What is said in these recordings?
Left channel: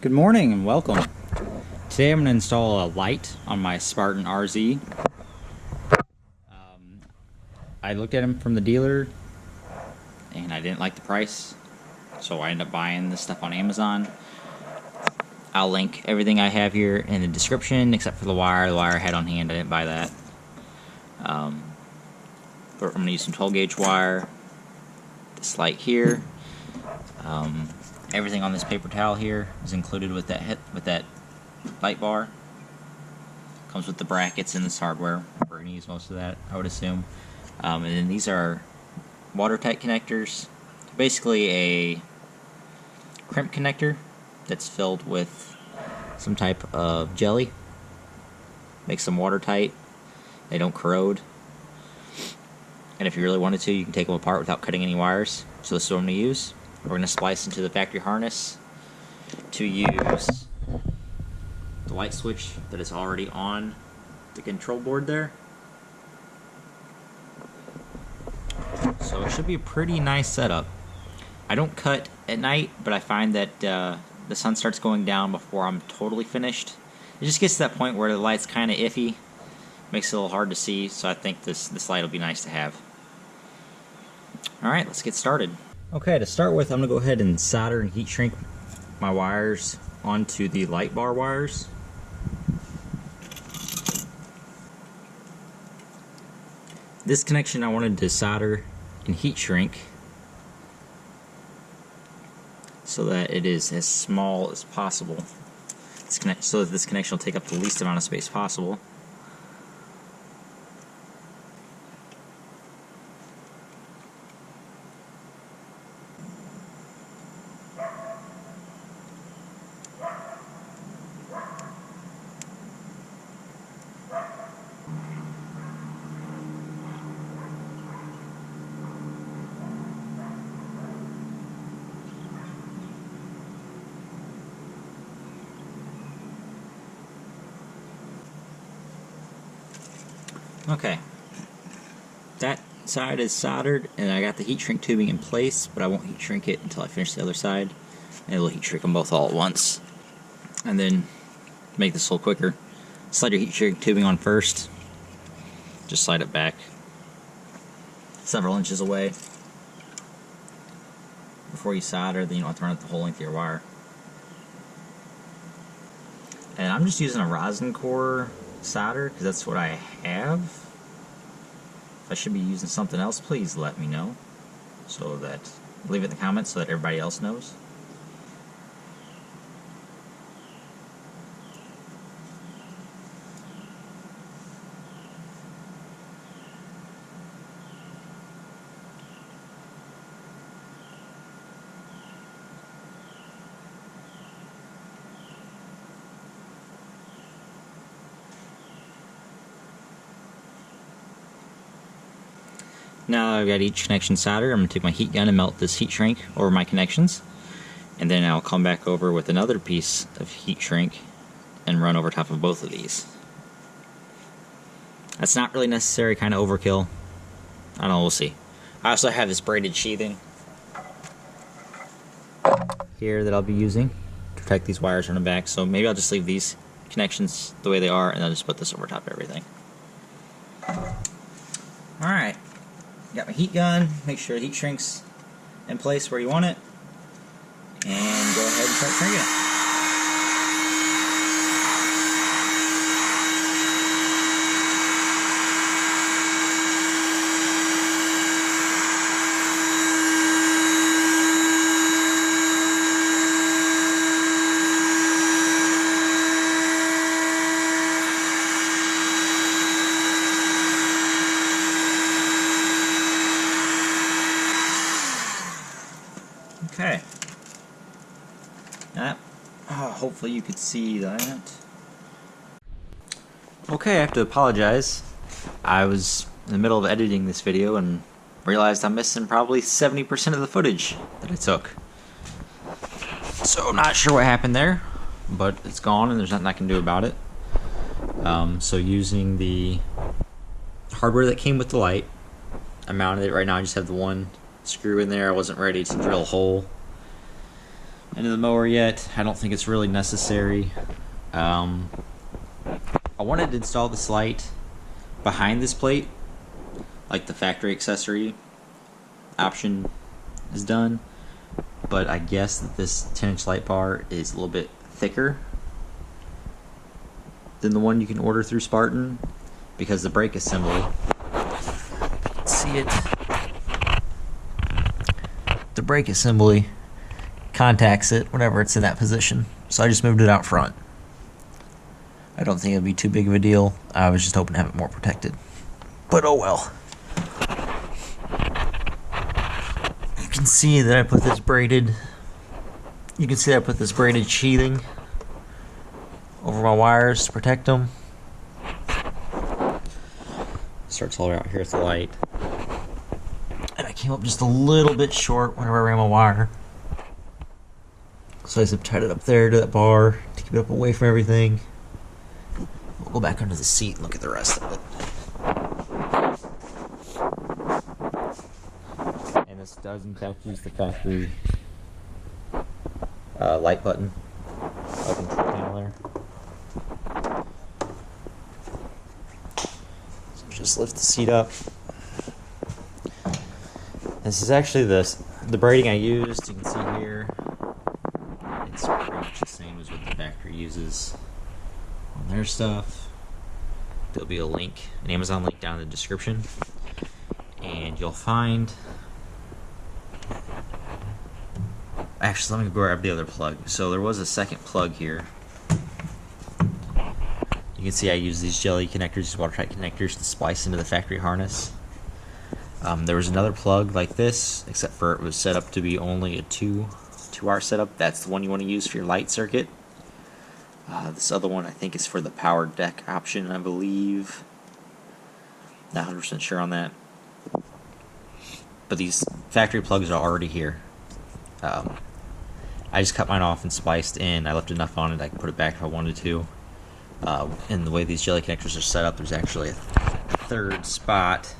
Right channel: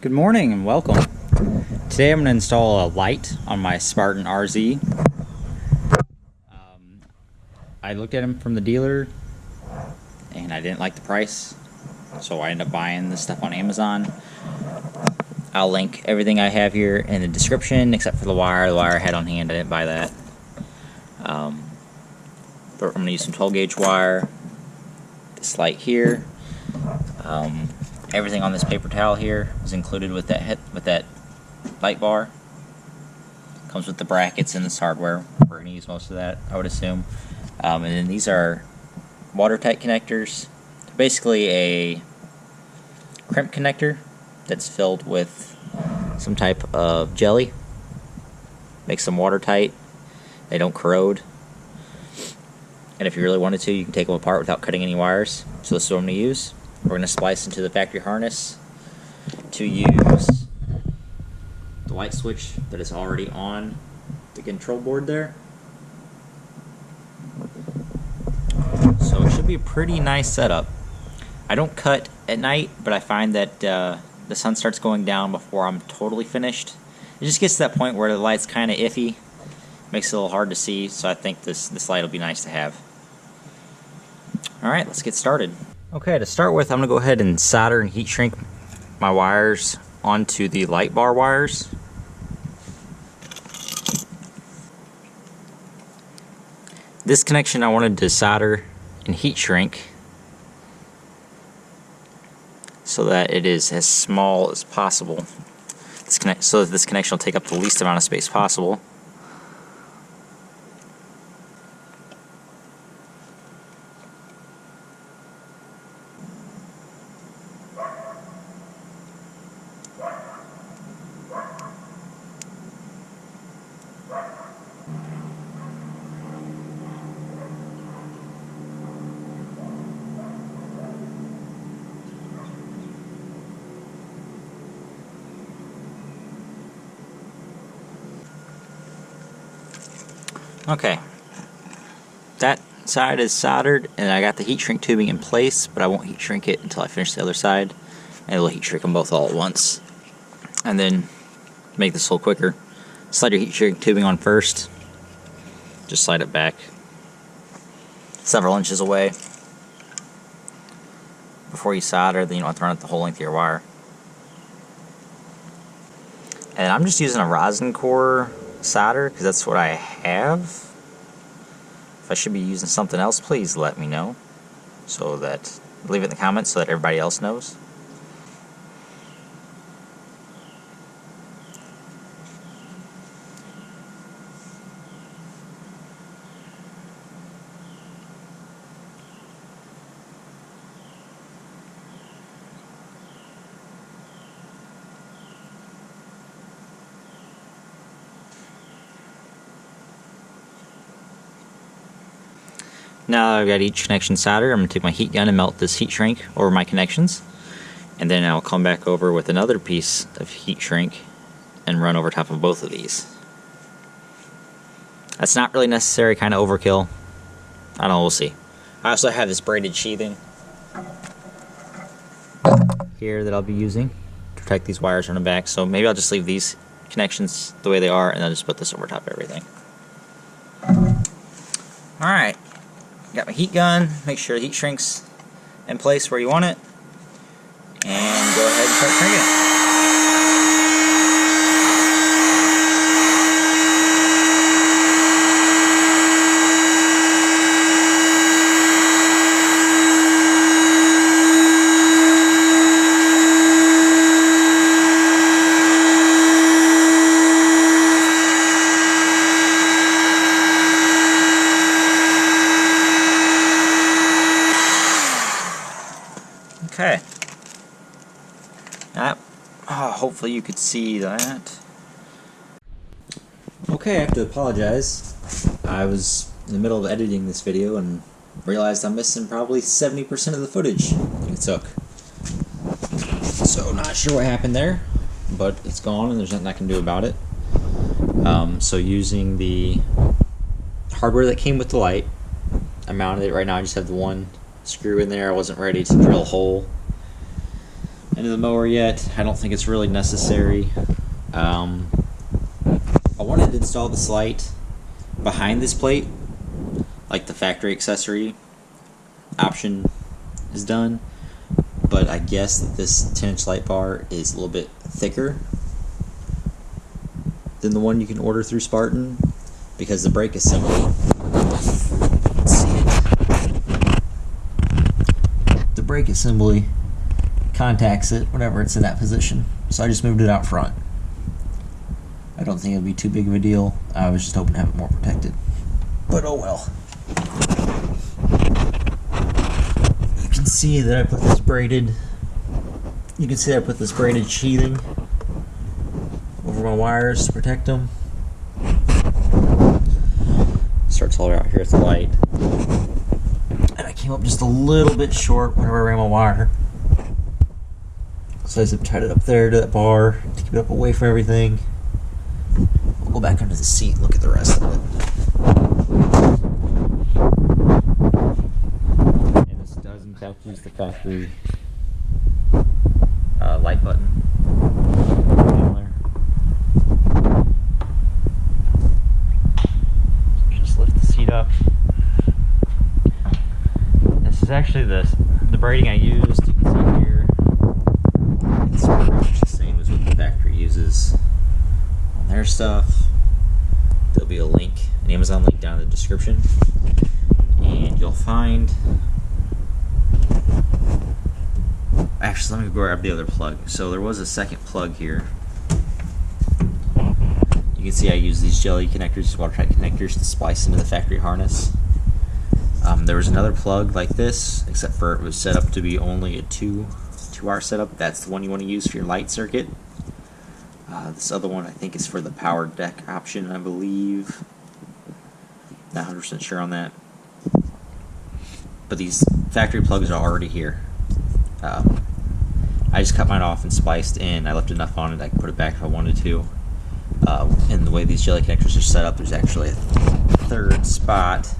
Good morning and welcome. Today I'm going to install a light on my Spartan RZ. I looked at them from the dealer and I didn't like the price, so I ended up buying this stuff on Amazon. I'll link everything I have here in the description except for the wire. The wire I had on hand, I didn't buy that. But I'm going to use some 12 gauge wire, this light here. Everything on this paper towel here is included with that light bar. Comes with the brackets and this hardware. We're going to use most of that, I would assume. And then these are watertight connectors. They're basically a crimp connector that's filled with some type of jelly. Makes them watertight. They don't corrode. And if you really wanted to, you can take them apart without cutting any wires. So this is what I'm going to use. We're going to splice into the factory harness to use the light switch that is already on the control board there. So it should be a pretty nice setup. I don't cut at night, but I find that the sun starts going down before I'm totally finished. It just gets to that point where the light's kind of iffy. Makes it a little hard to see, so I think this light will be nice to have. Alright, let's get started. Okay, to start with, I'm going to go ahead and solder and heat shrink my wires onto the light bar wires. This connection I wanted to solder and heat shrink so that it is as small as possible. So that this connection will take up the least amount of space possible. Okay, that side is soldered and I got the heat shrink tubing in place, but I won't heat shrink it until I finish the other side, and it'll heat shrink them both all at once. And then, make this a little quicker, slide your heat shrink tubing on first, just slide it back several inches away before you solder, then you don't have to run it the whole length of your wire. And I'm just using a rosin core solder because that's what I have. If I should be using something else, please let me know, so that leave it in the comments so that everybody else knows. Now I've got each connection soldered, I'm going to take my heat gun and melt this heat shrink over my connections. And then I'll come back over with another piece of heat shrink and run over top of both of these. That's not really necessary, kind of overkill. I don't know, we'll see. I also have this braided sheathing here that I'll be using to protect these wires on the back. So maybe I'll just leave these connections the way they are and I'll just put this over top of everything. Alright. Got my heat gun, make sure the heat shrink's in place where you want it, and go ahead and start shrinking it. Okay. Hopefully you could see that. Okay, I have to apologize. I was in the middle of editing this video and realized I'm missing probably 70% of the footage that I took. So I'm not sure what happened there, but it's gone and there's nothing I can do about it. So using the hardware that came with the light, I mounted it. Right now I just have the one screw in there. I wasn't ready to drill a hole into the mower yet. I don't think it's really necessary. I wanted to install this light behind this plate, like the factory accessory option is done, but I guess that this 10-inch light bar is a little bit thicker than the one you can order through Spartan, because the brake assembly, you can see it, the brake assembly contacts it whenever it's in that position, so I just moved it out front. I don't think it'll be too big of a deal. I was just hoping to have it more protected, but oh well. You can see that I put this braided, sheathing over my wires to protect them. Starts all the way out here at the light. And I came up just a little bit short whenever I ran my wire. So I zip tied it up there to that bar to keep it up away from everything. We'll go back under the seat and look at the rest of it. And this does in fact use the factory light button. So just lift the seat up. This is actually the braiding I used. You can see here it's pretty much the same as what the factory uses on their stuff. There'll be a link, an Amazon link down in the description, and you'll find, actually let me go grab the other plug. So there was a second plug here. You can see I use these jelly connectors, these watertight connectors, to splice into the factory harness. There was another plug like this, except for it was set up to be only a 2-hour setup. That's the one you want to use for your light circuit. This other one I think is for the power deck option, I believe. Not 100% sure on that. But these factory plugs are already here. I just cut mine off and spliced in. I left enough on it I could put it back if I wanted to. And the way these jelly connectors are set up, there's actually a third spot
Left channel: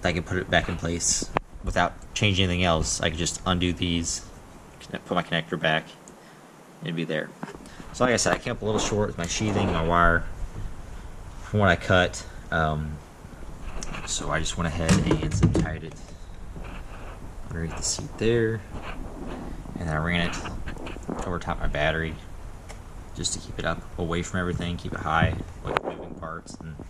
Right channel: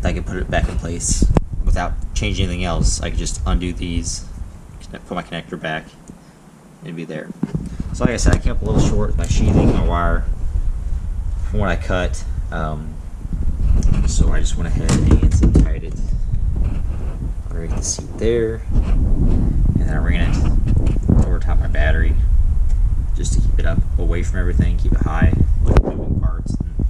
that I can put it back in place without changing anything else. I could just undo these, put my connector back, and it'd be there. So like I said, I came up a little short with my sheathing, my wire, from what I cut. So I just went ahead and zip tied it underneath the seat there, and then I ran it over top my battery just to keep it up away from everything, keep it high, away from moving parts, and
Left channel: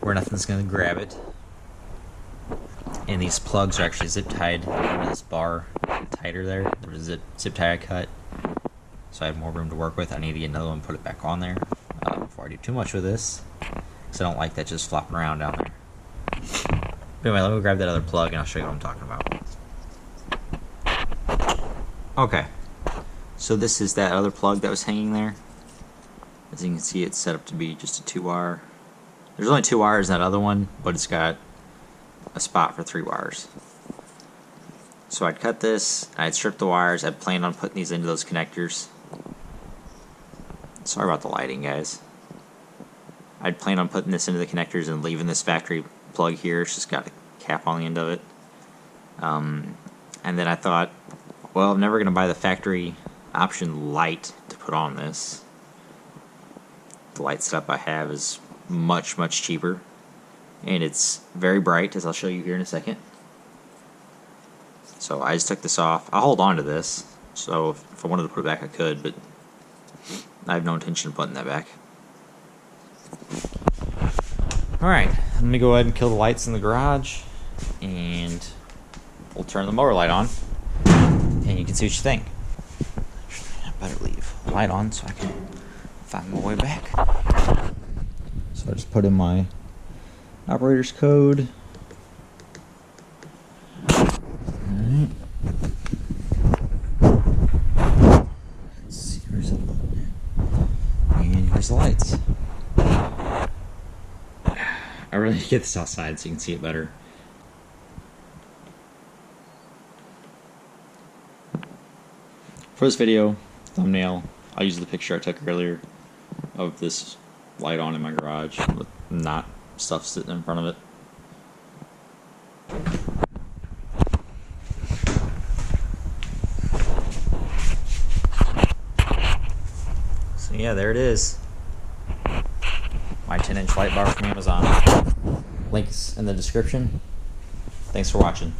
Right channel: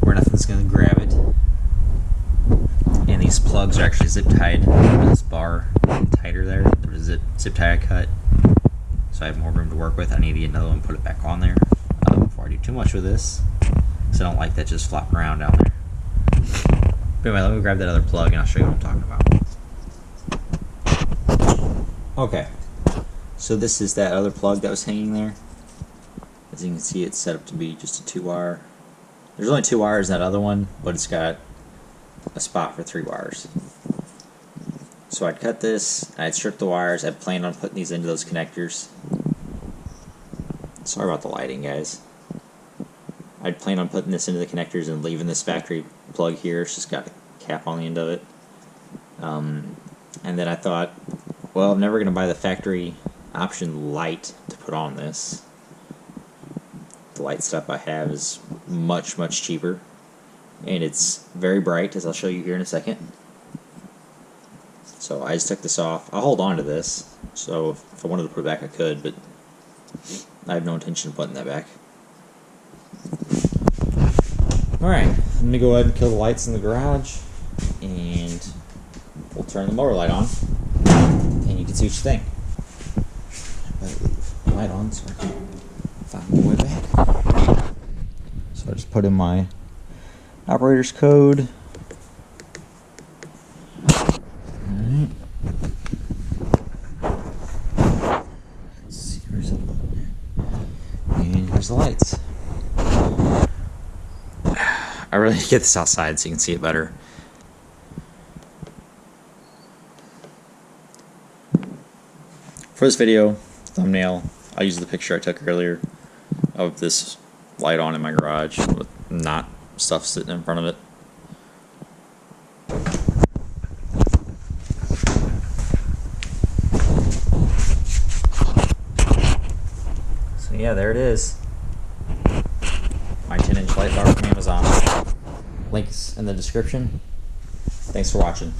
where nothing's going to grab it. And these plugs are actually zip tied under this bar tighter there. There was a zip tie I cut, so I have more room to work with. I need to get another one and put it back on there before I do too much with this, because I don't like that just flopping around down there. But anyway, let me grab that other plug and I'll show you what I'm talking about. Okay, so this is that other plug that was hanging there. As you can see, it's set up to be just a 2-wire. There's only 2 wires in that other one, but it's got a spot for 3 wires. So I'd cut this, I'd strip the wires, I'd planned on putting these into those connectors. Sorry about the lighting, guys. I'd planned on putting this into the connectors and leaving this factory plug here. It's just got a cap on the end of it. And then I thought, well, I'm never going to buy the factory option light to put on this. The light setup I have is much, much cheaper. And it's very bright, as I'll show you here in a second. So I just took this off. I'll hold on to this, so if I wanted to put it back I could, but I have no intention of putting that back. Alright, let me go ahead and kill the lights in the garage, and we'll turn the mower light on, and you can see what you think. I better leave the light on so I can find my way back. So I just put in my operator's code. Alright. Let's see, where's it? And here's the lights. I really need to get this outside so you can see it better. For this video, thumbnail, I'll use the picture I took earlier of this light on in my garage with not stuff sitting in front of it. So yeah, there it is. My 10-inch light bar from Amazon. Links in the description. Thanks for watching.